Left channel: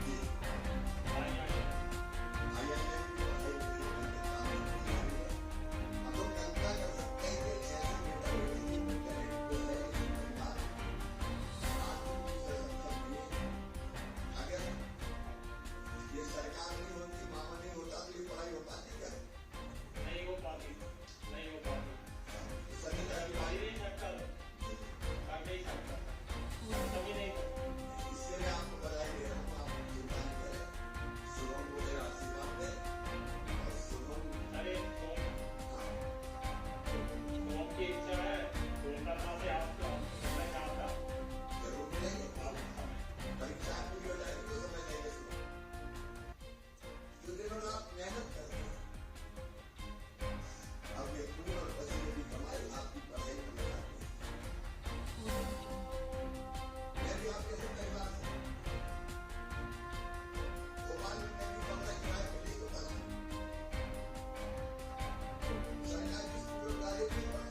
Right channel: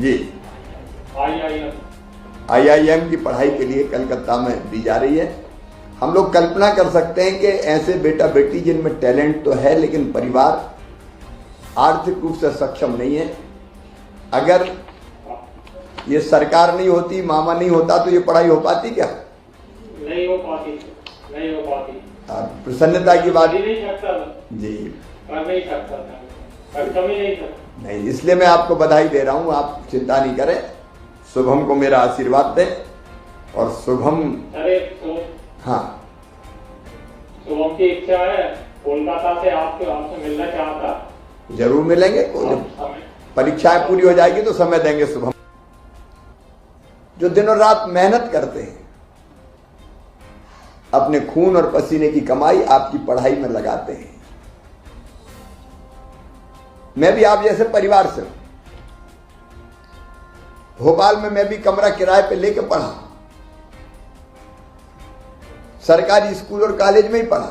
जी IIM की पढ़ाई के लिए कलकत्ता में दी जा रही है। हम लोग कल्पना कर सकते हैं कि ऐसे बेटा बेटी जिनमें टैलेंट तो है लेकिन परिवार आर्थिक रूप से सक्षम नहीं है, अगर ये सरकार नहीं होती, मामा नहीं होता तो ये पढ़ाई हो पाती क्या? नहीं हो पाती। प्रसन्नता की बात नहीं सकता जी, कर नहीं सकता नहीं, इसलिए मैं आपको बधाई दे रहा हूँ। आप चिंता नहीं करें, शुभम को मेरा आशीर्वाद दें और शुभम हाँ शुभम की इच्छा है कोलकाता से आपसे मिलना चाहता। जरूर मिलेंगे, परीक्षाएं पूरी हो जाएगी तो समय देंगे। शुभम जो दिनों रात मेहनत करते हैं, अपने खून और पसीने की कमाई आपकी पढ़ाई में लगाते हैं। मैं भी आप जैसे परिवार से हूं। भोपाल में मैं भी कमरा किराए पे लेके पढ़ा, सरकारी स्कूल और कॉलेज में ही पढ़ा।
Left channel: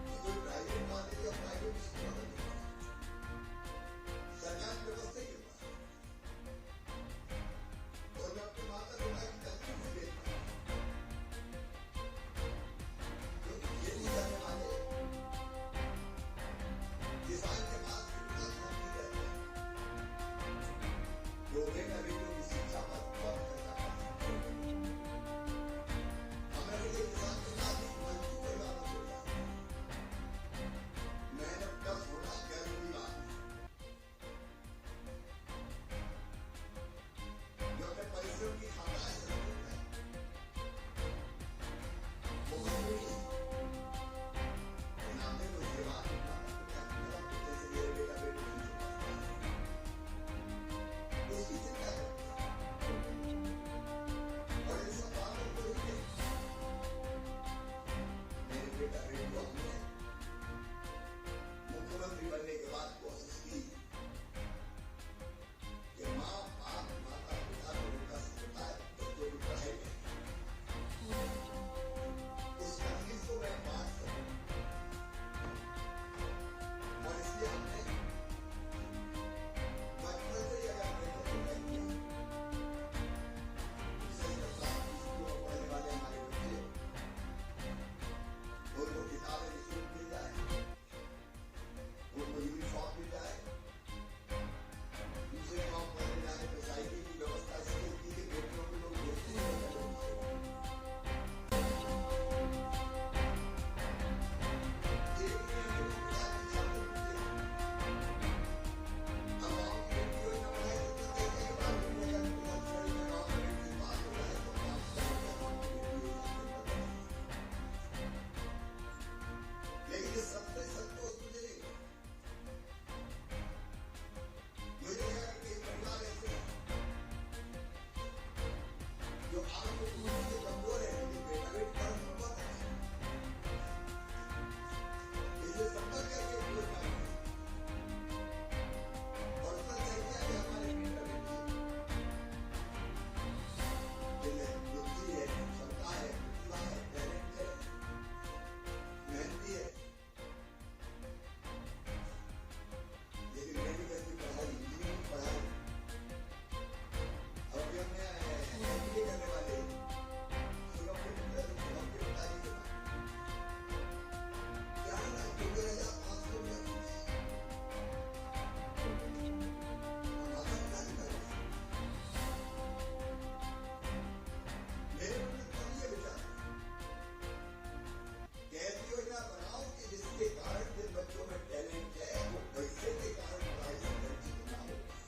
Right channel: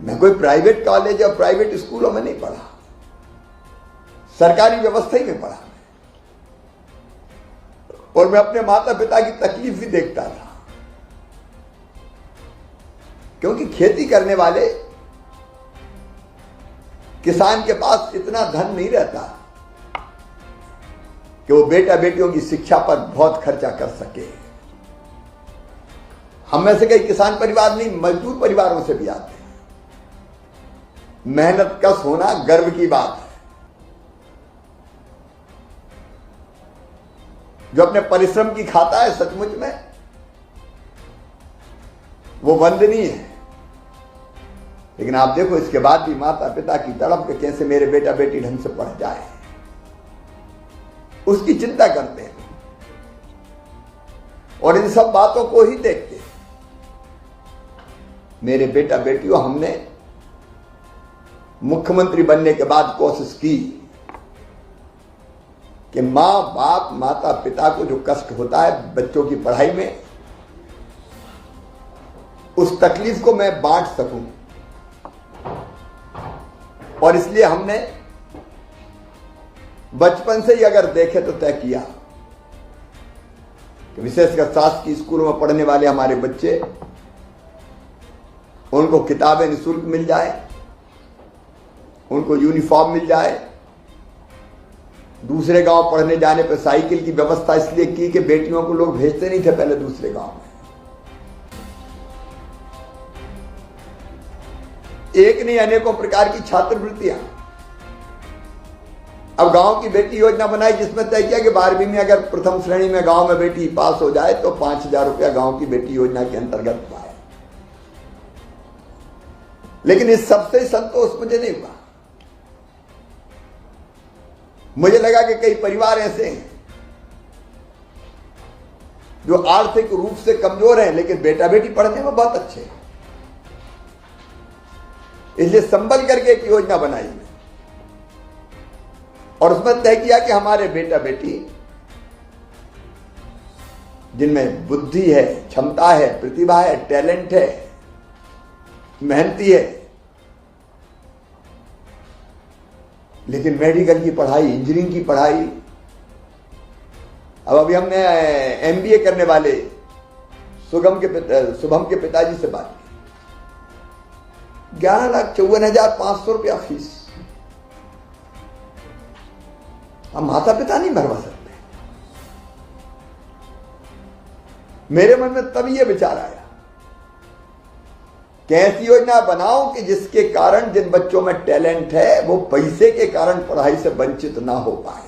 मैं कोई प्राइवेट कॉलेज या प्राइवेट स्कूलों में नहीं पढ़ा, सरकारी व्यवस्था ही में पढ़ा। और मैं अपने माता पिता की तकलीफ भी देखता था, क्योंकि खेती करने वाले किसान के पास इतना धन नहीं रहता कि वो बेटा बेटियों की शिक्षा पर बहुत खर्चा कर सके। हम में से कई किसान परिवार नहीं, मजदूर परिवारों से भी आते हैं। मेहनत कश होना गर्व की बात है। जो अपने परिश्रम की खाता है, सचमुच में वो वंदनीय है। लेकिन आप देखो, इसके बाद भी माता पिता की तड़प के कैसे मेरे बेटा बेटी ढंग से पढ़ जाए, उसकी चिंता करते हैं और इन सब बातों को ही देखते हैं। मेरे बेटा बेटियों, हमने मुख्यमंत्री बनने के बाद कोशिश की कि मां बाप माता पिता को जो कष्ट होता है बच्चों की पढ़ाई में, उस तकलीफ को मैं बांट सकूं। और इसलिए हमने बचपन से ही अगर देखे तो तय किया कि विशेषकर शासकीय स्कूलों में पढ़ने वाले हमारे बच्चे, उनको किताबें निःशुल्क मिल जाए, उनको यूनिफॉर्म मिल जाए। दूसरे गांव पढ़ने जाने पर साइकिल की व्यवस्था इसलिए की कि बेटियों को लोग भेजते नहीं थे पहले दूसरे गांव में। एक नहीं, अनेकों प्रकार की छात्रवृत्तियां। अब गांव की बेटी योजना बनाई, जिसमें तय किया कि 12वीं में अगर प्रथम श्रेणी में गांव में बेटी पास हो जाए तो 5,000 रुपया गांव की बेटी योजना के अंतर्गत पाए। लेकिन इस सबसे संतोष मुझे नहीं हुआ। मुझे लगा कि कई परिवार ऐसे हैं जो आर्थिक रूप से कमजोर हैं, लेकिन बेटा बेटी पढ़ने में बहुत अच्छे हैं। इसलिए संभल करके एक योजना बनाई और उसमें तय किया कि हमारे बेटा बेटी जिनमें बुद्धि है, क्षमता है, प्रतिभा है, टैलेंट है, मेहनती है, लेकिन मेडिकल की पढ़ाई, इंजीनियरिंग की पढ़ाई। अब अभी हमने MBA करने वाले शुभम के पिताजी से बात की। 11,54,500 रुपया फीस। हम माता पिता नहीं भरवा सकते। मेरे मन में तभी यह विचार आया कि ऐसी योजना बनाओ कि जिसके कारण जिन बच्चों में टैलेंट है वो पैसे के कारण पढ़ाई से वंचित ना हो पाए।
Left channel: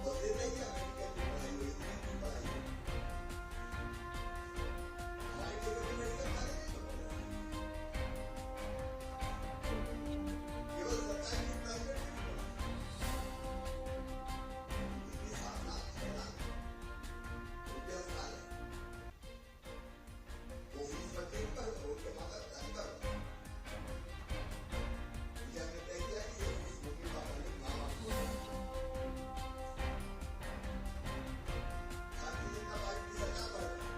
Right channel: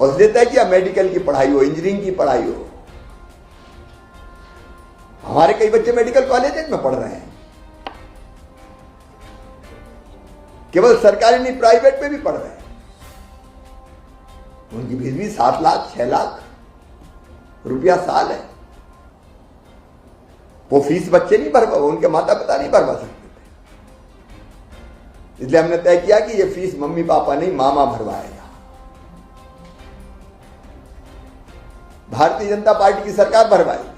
और इसलिए तय किया मेडिकल की पढ़ाई हो, इंजीनियरिंग की पढ़ाई हो। हमारे कई बच्चे मेडिकल कॉलेज में पढ़ रहे हैं, केवल सरकारी नहीं प्राइवेट में भी पढ़ रहे हैं। उनकी फीस भी 7 लाख 6 लाख रुपया साल है। वो फीस बच्चे नहीं भरवा, उनके माता पिता नहीं भरवा सकते। इसलिए हमने तय किया कि ये फीस मम्मी पापा नहीं, मामा भरवाएगा। भारतीय जनता पार्टी की सरकार भरवाएगी।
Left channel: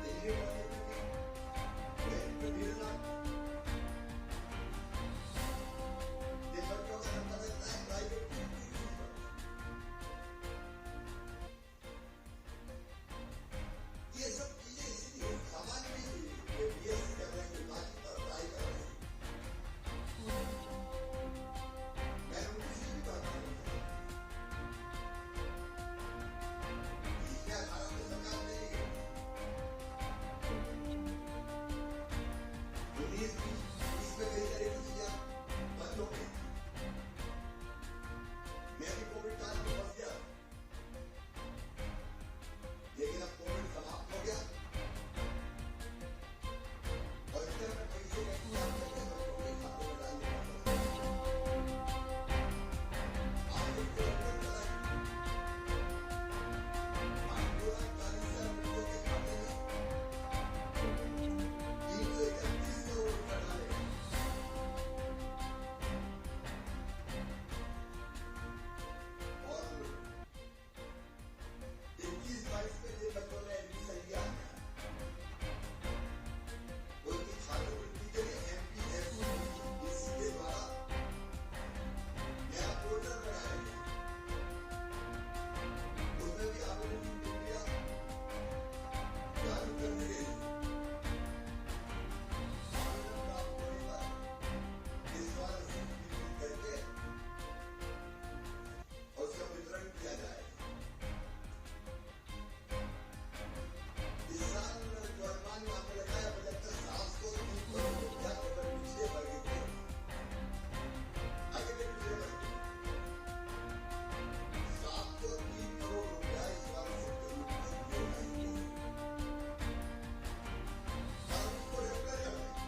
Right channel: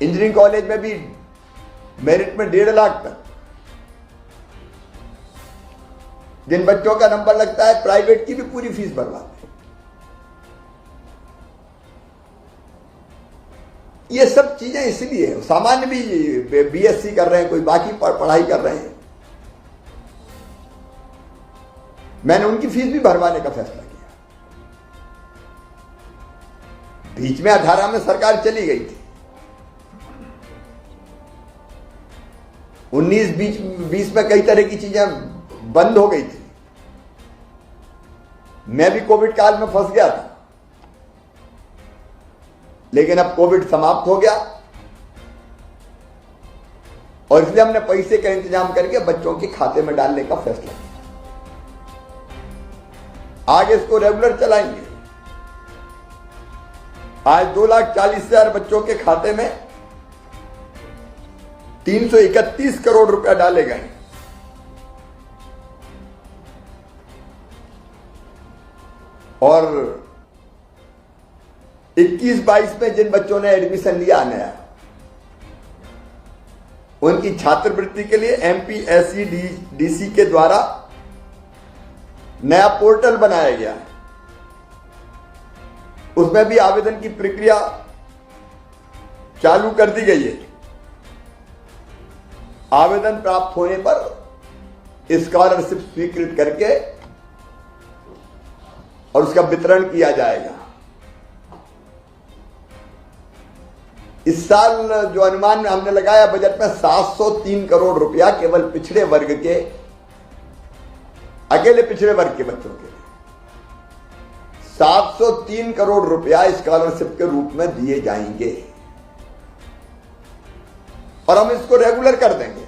इंजीनियरिंग कॉलेज में भी मेरिट में 1.5 लाख तक, जिन बच्चों का नंबर लगता है प्राइवेट की भी पूरी फीस भरवाते हैं। ये सब चीजें इसलिए, सामान्य भी बीएससी कर रहे हैं, कोई बाकी पढ़ाई कर रहे हैं, मैंने उनकी फीस भी भरवाने का फैसला किया। बीच में 18 में सरकार चली गई थी, 19-20 में कई तरह की चीजें बंद हो गई थी। मैं भी कोविड काल में फंस गया था, लेकिन अब कोविड समाप्त हो गया और इसलिए हमने पैसे का इंतजाम करके बच्चों के खाते में डालने का फैसला किया। आगे इसको रेगुलर चलाएंगे। आज 2,40,000 बच्चों के खाते में 331 करोड़ रुपया डाले गए। और 21-22 में जिन बच्चों ने एडमिशन लिया नया, उनकी छात्रवृत्ति के लिए MPSEDC के द्वारा नया पोर्टल बनाया गया है। उसमें भी आवेदन की प्रक्रिया चालू कर दी गई है। आवेदन प्राप्त होने पर स्कॉलरशिप स्वीकृत करके और उसका वितरण किया जाएगा। इस साल जो अनुमान हमने लगाया बजट में 703 करोड़ रुपया केवल पिछड़े वर्ग के, अकेले पिछड़े वर्ग के बच्चों के 703 करोड़ रुपया स्कॉलरशिप के रूप में दिए जाएंगे और हम इसको रेगुलर कर देंगे।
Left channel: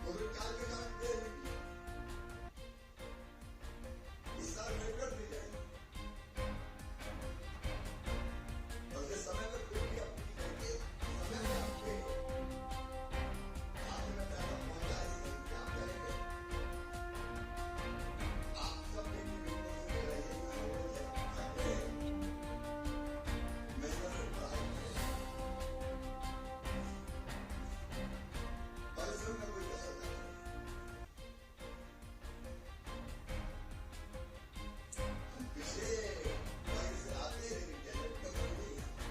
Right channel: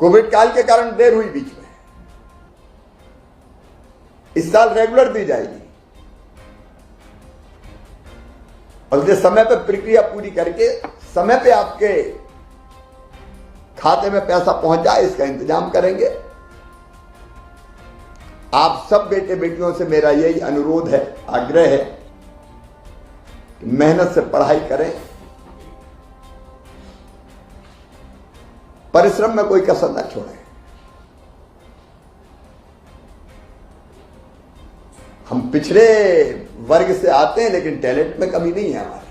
कोविड काल के कारण देर हुई बीच में, इस साल रेगुलर दी जाएगी और इसलिए समय पर प्रक्रिया पूरी करके समय पे आपके खाते में पैसा पहुंच जाए इसका इंतजाम करेंगे। आप सब बेटे बेटियों से मेरा यही अनुरोध है, आग्रह है, मेहनत से पढ़ाई करें, परिश्रम में कोई कसर न छोड़ें। हम पिछड़े वर्ग से आते हैं लेकिन टैलेंट में कमी नहीं है हमारे।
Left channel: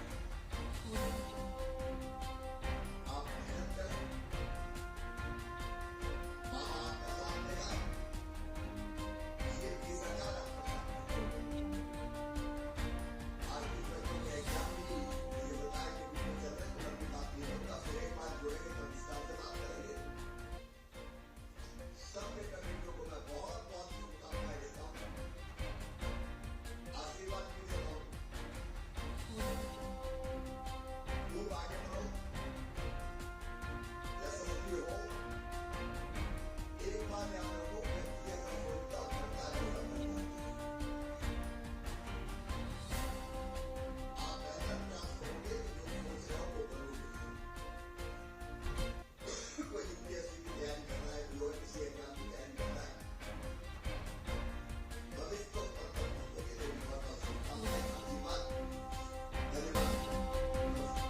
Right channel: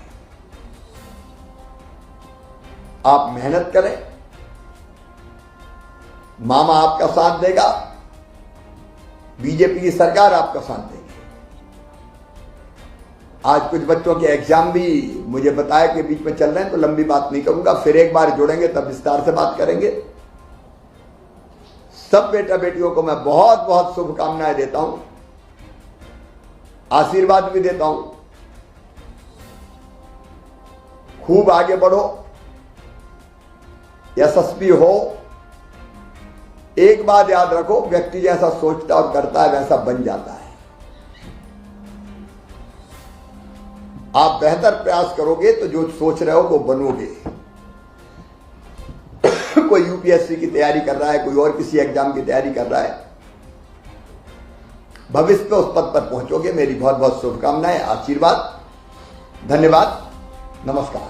आप मेहनत करें, मामा आपका साथ देगा, बीजेपी की सरकार आपका साथ देगी। आज कुछ बच्चों के एग्जाम भी मुझे बताया कि बीच में चल रहे हैं, तो लंबी बात नहीं करूंगा, फिर एक बार जुड़ेंगे तब विस्तार से बात करेंगे। सब बेटा बेटियों को मैं बहुत बहुत शुभकामनाएं देता हूं, आशीर्वाद भी देता हूं। खूब आगे बढ़ो, यशस्वी हो। एक बात याद रखो, व्यक्ति जैसा सोचता और करता है वैसा बन जाता है। आप बेहतर प्रयास करोगे तो जो सोच रहे हो वो बनोगे। कोई यूपीएससी की तैयारी कर रहा है, कोई और किसी एग्जाम की तैयारी कर रहा है, भविष्य में उस पद पर पहुंचोगे। मेरी बहुत बहुत शुभकामनाएं, आशीर्वाद, धन्यवाद, नमस्कार।